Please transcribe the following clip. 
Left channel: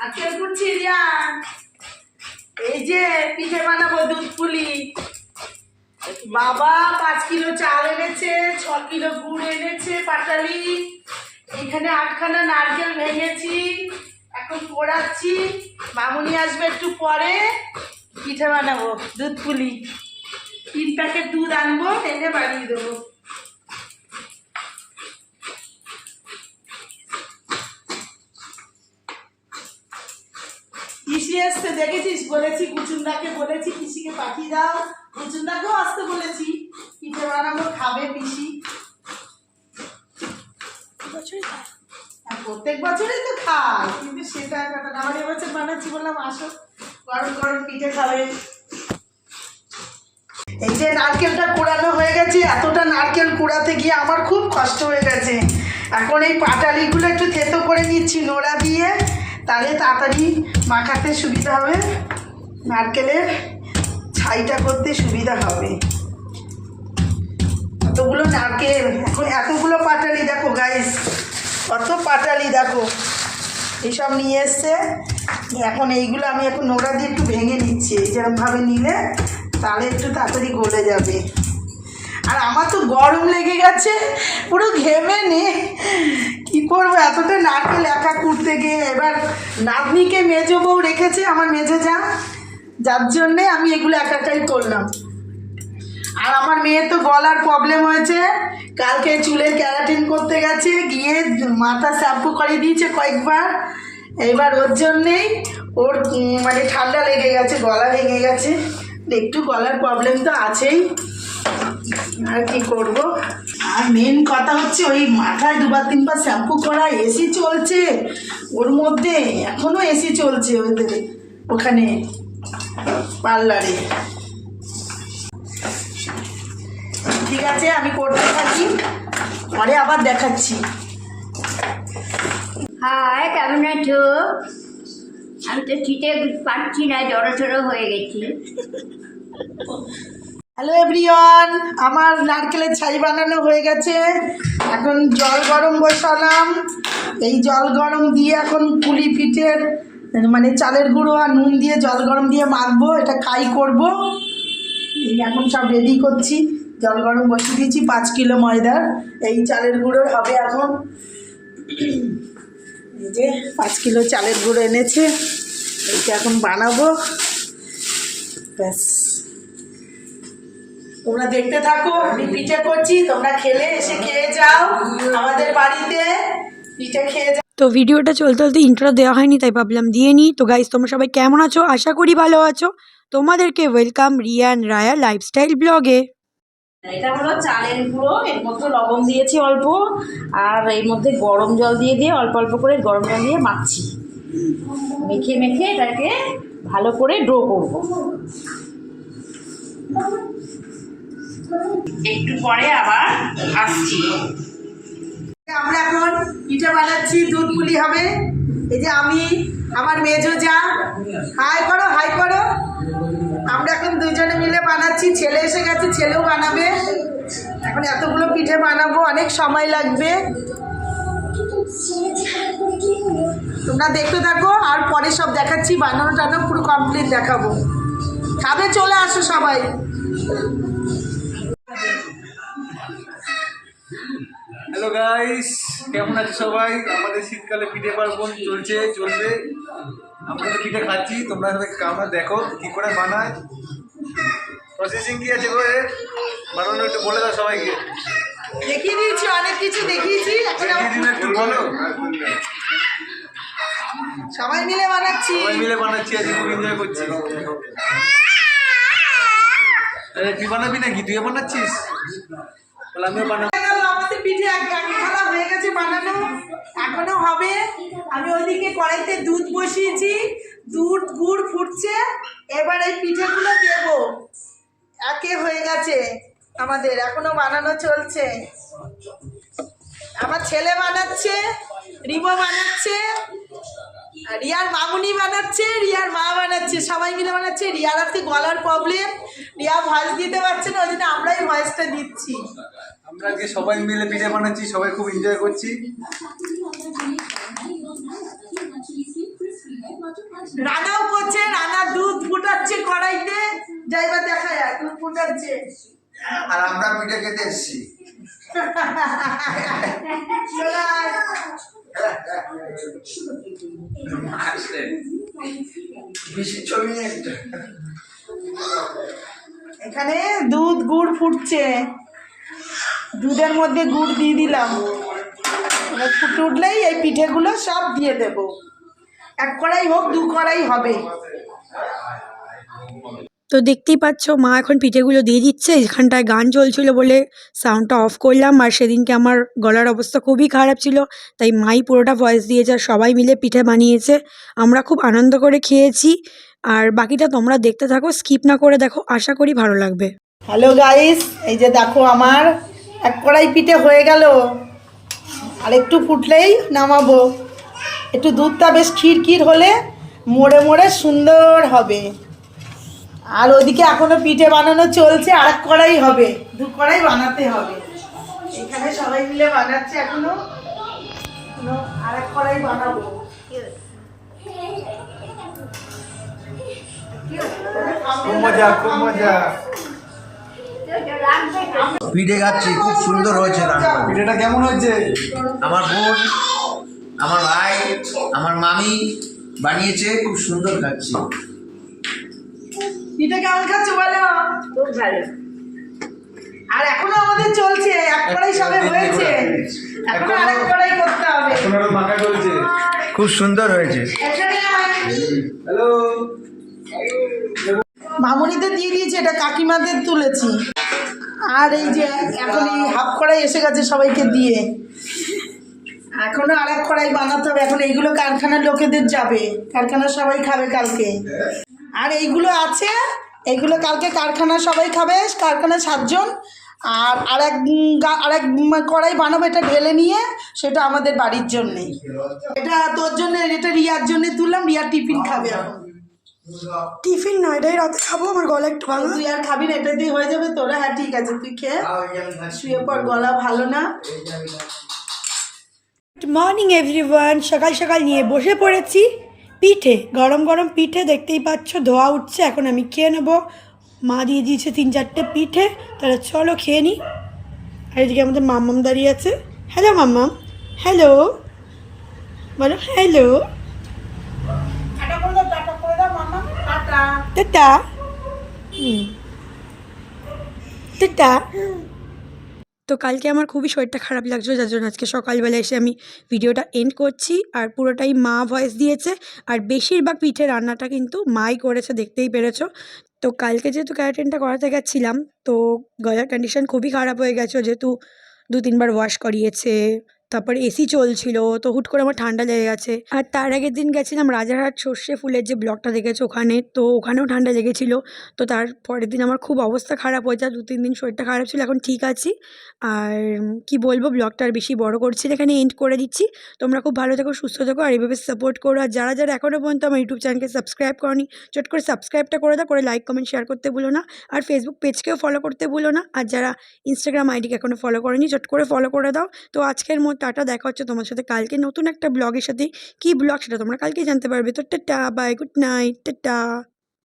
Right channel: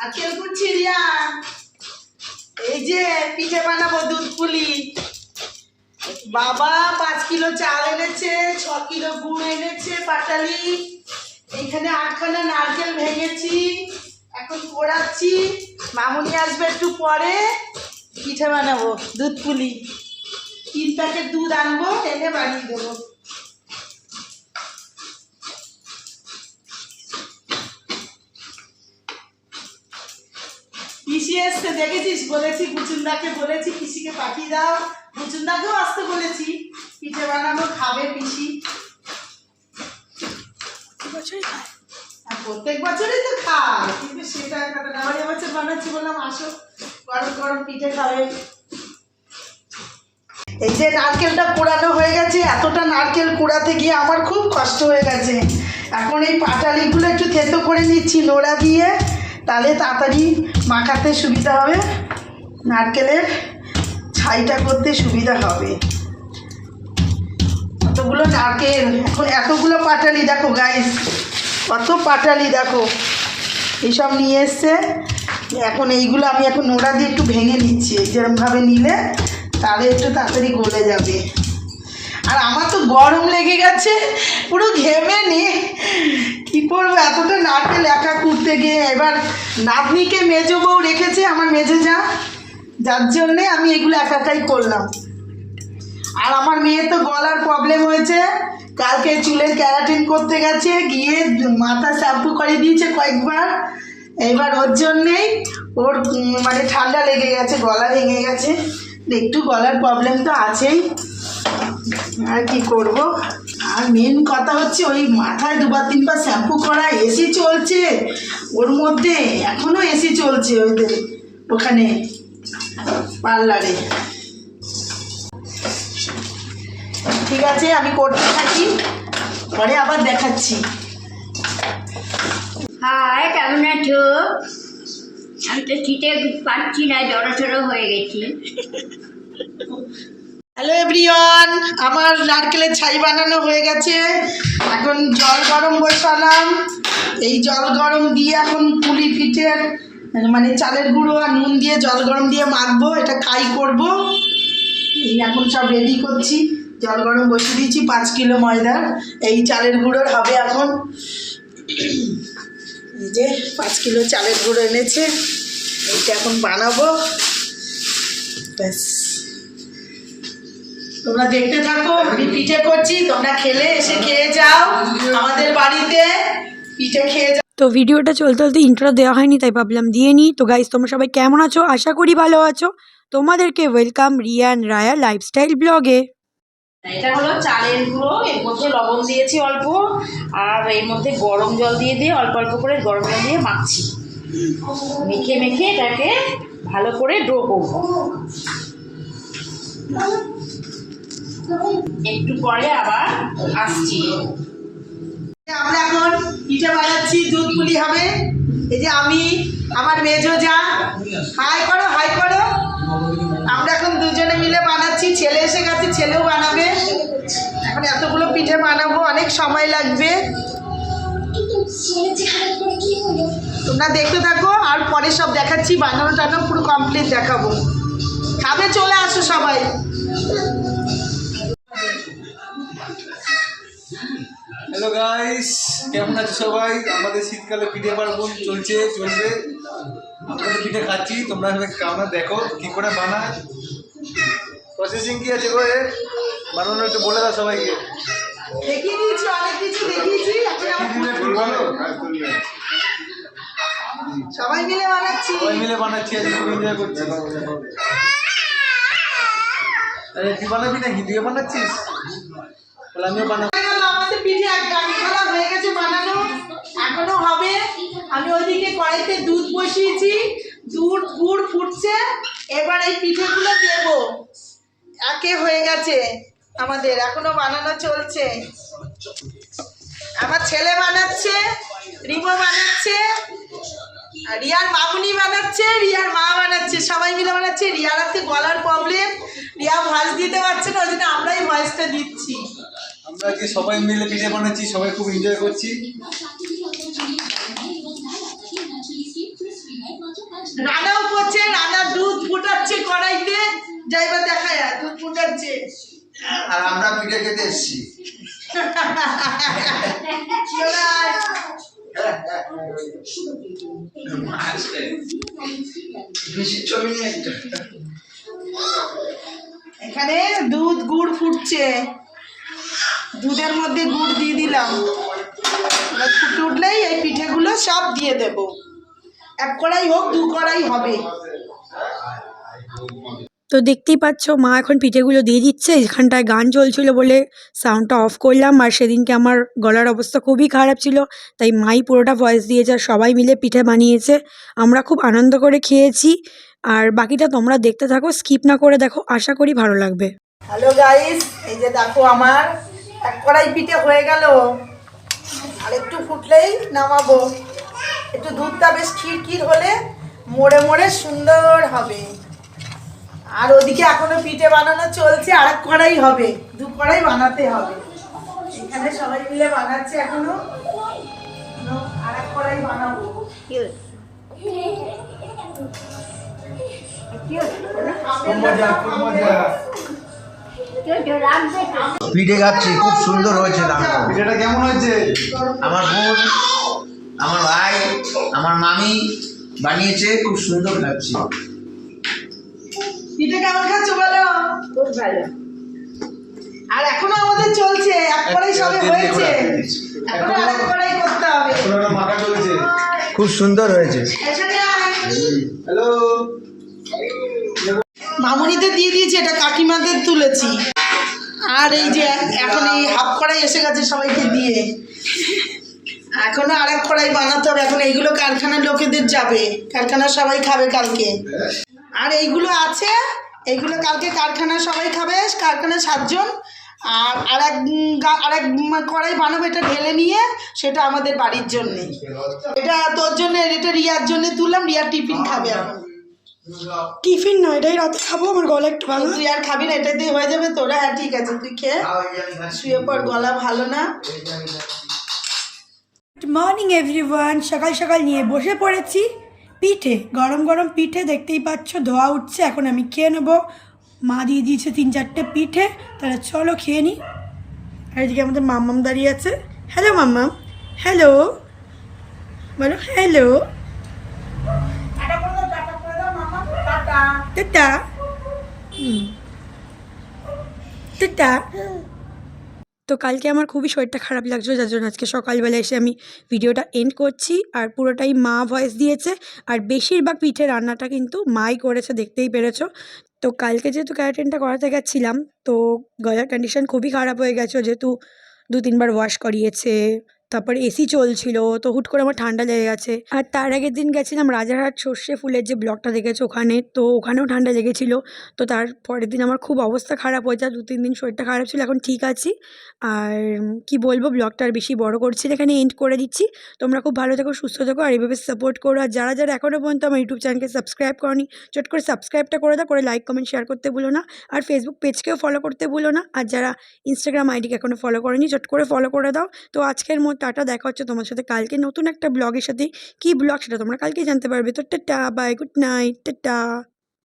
নারকেল কুড়ছি রিয়া। এই যে পিঠে বানাবো দুধ পুলি। বাবা 5 কিলো চাল এনেছে, 6 কিলো গুড় এনেছে পাটালি, এইখানে 8খানা নারকেল ভেঙেছি, এখন পোড়াচ্ছি। মামুনি আসবে একটু পরে, পিঠে বানাবো দুধ পুলি। 3 প্যাকেট দুধ আনবো, এনে বানিয়ে দেবো। পিসি এসছে দেখেছিস, বলেছি বুচুনদাকে বলেছি পিসিকে পাঠিয়ে দাও, বুচুনদাকেও আসতে বলেছি, পিঠে বানাবো, খাবে পিসি। প্রত্যেক বছরই তো খায়, কিন্তু সেটা কথা না। আমার এবছর বানাচ্ছি, বললাম আসো গরম গরম পিঠে খাবে। এই যে নারকেলটা কুড়ানো হয়ে গেছে, এতটা নারকেল কুড়াতে গিয়ে আমার খুব কষ্ট হয়ে গেছে। এখন এই পাটালিগুলো একটু থেতো করে নিচ্ছি নোড়া দিয়ে, তাহলে তাড়াতাড়ি মাখাতে সুবিধা হবে, নারকেলের ছাইটা করতে সুবিধা হবে। কতগুলো নারকেল, এখন এতগুলো পাটালি, দেখো গাইস কত পাটালি, দেখো এইসব নিয়ে এসছে। এখন এইগুলো আমি এখন নোড়া দিয়ে একটু ভেঙে নিচ্ছি, যেরকমভাবে নিলে তাহলে একটু তাড়াতাড়ি গলে যাবে। আর আমার তো গরম লেগে গেছে, পুরো ঘেমে নে, কী করবো এতটা নারকেল একা কুড়তে গিয়ে। এবার নাতনিকে মেজো বউ রেখেছে, আমার মেজো যার জন্যে আমি এগুলো একাই করলাম। আর আমার মেয়ে তো গলার প্রবলেম হয়েছে, কালকে চুলের ক্যারাটিন করতে গেছে, গিয়ে মাথা শ্যাম্পু করে দিয়েছে কয়েকবার। এবার ওর জন্যেই ওর মানে ঠান্ডা লেগে গেছে, গলা ভেঙে গেছে, একটু গলার প্রবলেম তো আছেই, আর কি করব। আর মেন কথা হচ্ছে ওই মাথায় 2-3বার শ্যাম্পু করা, এসি চলছে ওর মধ্যে, এখনও এসি চলছে ওদের ওখানে পার্লারে। ঠিক আছে, আমি করতে থাকি, পরে আবার দেখাচ্ছি। হাই, কেমন আছো? আমি তো শীতে পাচ্ছি না, জড়সড় হয়ে গেছি। হ্যালো এভরিওয়ান, আমার নারকেলের ছাই বানানো হয়ে গেছে। এখন জল গরম বসালাম, এই জল গরম দিয়ে এখন পুলি পিঠের মানে চালের গুঁড়ো আর নুন দিয়ে জল গরম দিয়ে মাখবো, এটা খাই করব। এই এখন সব রেডি করছি, জল গরম বসিয়ে দিয়েছি। 5 কিলো ময়দার এই চালের গুঁড়োর হবে এখন। এই যে 5 কিলো চালের গুঁড়ো এনেছে, এইটা এখন বানাবো। ব্যাস, তোমরা দেখতে থাকো, আমি পিঠে করছি, তোমরা খেলে এসে খেয়ে যাও আমাদের বাড়িতে, পিঠে খেয়ে যাও। তো ভিডিওটা চলতে চলতে ইন্ট্রো দেওয়া হয়নি, তাই ভাবলাম দিয়ে নিই। তো গাইস, তোমরা সবাই কেমন আছো? আশা করি ভালো আছো। তোমাদেরকে welcome Riya and Raya lifestyle ব্লগে। এটা হলো চালের গুঁড়ো, এর মধ্যে লবণ দিয়েছি অল্প, আর এর মধ্যে গরম জল দিয়ে অল্প অল্প করে গরম জল দিয়ে মাখছি। মেখে মেখে এটাকে ভালো করে ডো করবো। একটু পরে আবার আসছি। আমরা এখন পিঠে বানাচ্ছি, দুধ পুলি হবে। এই যে আমি, আমার মেজো যা, হাই করো হাই করো। আমরা এখন দুজনে মিলে বানাচ্ছি, ছেলে এসে গেছে, ছেলেও বানাবে। এখন এতগুলো পিঠে বানাবো, অনেক সময় লাগবে। তোমরা দেখতে থাকো, আর পরে সব দেখাচ্ছি, বানানো টানো পুরো কমপ্লিট দেখাবো। খাবে চলে আসো সবাই। হ্যালো গাইস, কেমন আছো সবাই? আমাদের শীতকালে পিঠে পার্বণ চলবে। আমরা তো পিঠে খাচ্ছি, তোমরা সবাই কেমন দেখো কি করে বানায়, প্রসেসিং কি আছে গো বানানো, একটু বলে দাও সবাইকে। দেখিয়ে দিয়েছি, অনেক কিছু দেখিয়েছি, একটু বলো। সবাই মিলে বানাচ্ছি, আজকে খুব এনজয় করছি। তুই বানাবি নাকি? তুইও বানাচ্ছিস? তাহলে আমিও বানাবো। আমাদের পিঠে একখানা হয়ে গেছে বানানো, এখনো হবে। আমি ওইদিকে কড়াইতে দুধ বসিয়েছি, দুধ গুড় ফুটছে, এবার এই পিঠেগুলো দেব। একে হয়ে গেছে আমাদের, এখনো বানানো চলছে। আমার ছেলে বানাচ্ছে, রিমো বানাচ্ছে, রিয়ার মামুনি বানাচ্ছে, রিয়ার মা বানাচ্ছে, সবাই মিলে বানাচ্ছে। রিয়ার আজকে গলার প্রবলেম, রিয়া ভয়েস দিতে পারছে না, ওই জন্য আমরাই ভয়েসটা দিচ্ছি। আমরা আজকে সবাই মিলে পিঠে বানাচ্ছি, সবাই খুব এনজয় করছি। রান্নাও করছে, রান্না দুধ ফুটাচ্ছে কড়াইতে, যাইবা দেখা যায় দুধ ফুটাচ্ছে। আর আমরা পিঠে খেতে এসছি। চলে আয়। বেশি ছবি নেই একটা। এখানে দুধ গুড় ফুটছে, দুধের মধ্যে গুড় দিয়ে দিলাম, এবার ফুটে উঠলেই এই পিঠেগুলো সব দিয়ে দেব। এক কড়াই হোক, দু কড়াই হবে। তো দেখতেই পাচ্ছ মা এখন পিঠেগুলো দিয়ে দিচ্ছে। এখানটায় গান চলছিল বলে সাউন্ডটা অফ করলাম। আর সেদিনকে আমার গলার অবস্থা খুবই খারাপ ছিল, তাই মাই পুরোটা ভয়েস দিয়েছে আর সবাই মিলে পিঠে বানিয়েছে। আমরা খুব আনন্দ করে খেয়েছি। আর বাকিটা তোমরা দেখতে থাকো, স্কিপ না করে দেখো, আশা করি ভালো লাগবে। হ্যালো গাইস, এই যে দেখো আমার এক কড়াই পিঠে হয়ে গেল। আর একটু ফুটলেই নামাবো। একটু দুধটা বেশ ক্ষীর হলে মোড়ে মোড়ে সুন্দর হবে। আর ওদিকে এখনো পিঠে বানানো চলছে, আরেক কড়াই হবে, দু কড়াই বানাতে হবে। এখানে সবাই মিলে বানাচ্ছে এখনো, আরেক কড়াই বানাবো। খুব মজা, খুব মজা। পিঠে খাচ্ছি, খুব সুন্দর হয়েছে রান্না। পিঠেটা কেমন হয়েছে? আমার বোন, আমার ভাই, আমার মামি বানিয়েছে, খুব সুন্দর খাচ্ছি। পিঠে কেমন খাচ্ছ বলো? খুব ভালো। আর এখনো আমাদের চলছে, এক কড়াই সবে হয়েছে, এখনো আরেক কড়াই করতে হবে। এখন আরো মাখা চলছে। খুব সুন্দর হয়েছে। এখানে আয়। হ্যালো। মামুনিতে দিয়ে দিয়েছি, এটা কাকিমাদের তুলেছি। আর এই যে এখন এই হাফ কড়াই এসে গেছে সবাইকে দিয়ে, এখনো আরেক কড়াই বানাতে হবে। এখন এইগুলো কারখানার লোকেদের যাবে, কারখানার সবাই খাবে কালকে। আর এইগুলো আছে, এইগুলো কালকে কারখানার সবাই খাবে, কারখানার 7 জন। আর আরেক কড়াই বানাবো, এটা ঢেলে নিয়ে সেটা আমাদের বাড়ির জন্যে। এটা তোর জন্য, এটা রিয়ার জন্য তুললাম, রিয়ার টিফিন খাবে এখন। টিফিন নয়, এটাই রাতে খাবো, আমার গলা একটু ভালো। তুই আর খাবি না, এটা দিয়ে হয়ে যাবে তোরা? হ্যাঁ ঠিক আছে, তুই খেয়ে শুয়ে পড়, গলা ভালো না। Good morning everyone. সকাল সকাল নিয়ে বসে পড়েছি পিঠে, গরম গরম পিঠে দেখতেই পাচ্ছ, ধোয়া উঠছে। এখন আমি খেয়ে নেবো। মা দিয়ে দিয়েছে 3-4টে পিঠে, তাহলে চলো খেয়ে নিই। আর এদিকে আমাদের মাম্মাম দাঁড়িয়ে আছে। হ্যালো মাম্মাম, হ্যালো বলো, হ্যালো, টাটা। টাটা। তো কালকে আমার খুবই শরীরটা খারাপ লাগছিল, যার জন্য আজকে সকালবেলা এসে আমি ভিডিওটা এন্ড করছি। আর পুরোটাই মা ভয়েস দিয়েছে, আর বেশিরভাগ পিঠে রান্নাটা কিন্তু মাই করেছে, দেখতেই পেরেছো। তো কালকে যেহেতু ক্যারাটিনটা করাতে গেছিলাম, তো গলার কন্ডিশন খুবই খারাপ হয়ে গেছিলো, যেহেতু 2-3 বার ওয়াশ করিয়েছে, তারপর এসি চলছিল, তো হুট করে আমার ঠান্ডা লেগে গেছে। আর তার আগের দিন গেছিলাম রাজারহাট সর্ষে ফুলের যে ব্লগটা দেখেছো ওখানে, তো ওখানেও ঠান্ডা লেগেছিলো। তো তার পরের দিন আমার খুব অবস্থা খারাপ হয়ে যায়, 2-3 দিন শরীরটা খারাপ ছিল, এখন ঠিক আছি। আর কি বলবো, ব্লগটা আর বেশি বড় করছি না, এখানে এন্ড করে দিচ্ছি। তোমরা খুব ভালো থেকো, সুস্থ থেকো, আর এইভাবে সাপোর্ট করো। আর যারা যারা এখনও পর্যন্ত আমার ইউটিউব চ্যানেলকে সাবস্ক্রাইব করনি, চট করে সাবস্ক্রাইবটা করে দাও, করে লাইক কমেন্ট শেয়ার করতে ভুলো না। আর ফেসবুক পেজকেও ফলো করতে ভুলো না। আর যারা ইনস্টাগ্রাম আইডিকে এখনও ফলো করেনি, চট করে ফলো করে দাও। তো আজকের মতো টাটা, দেখা হচ্ছে তোমার সাথে কালকে নতুন একটা ব্লগের সাথে। কী ব্লগ সেটা তোমরা কালকেই জানতে পারবে। তো tata, bye, good night, tata.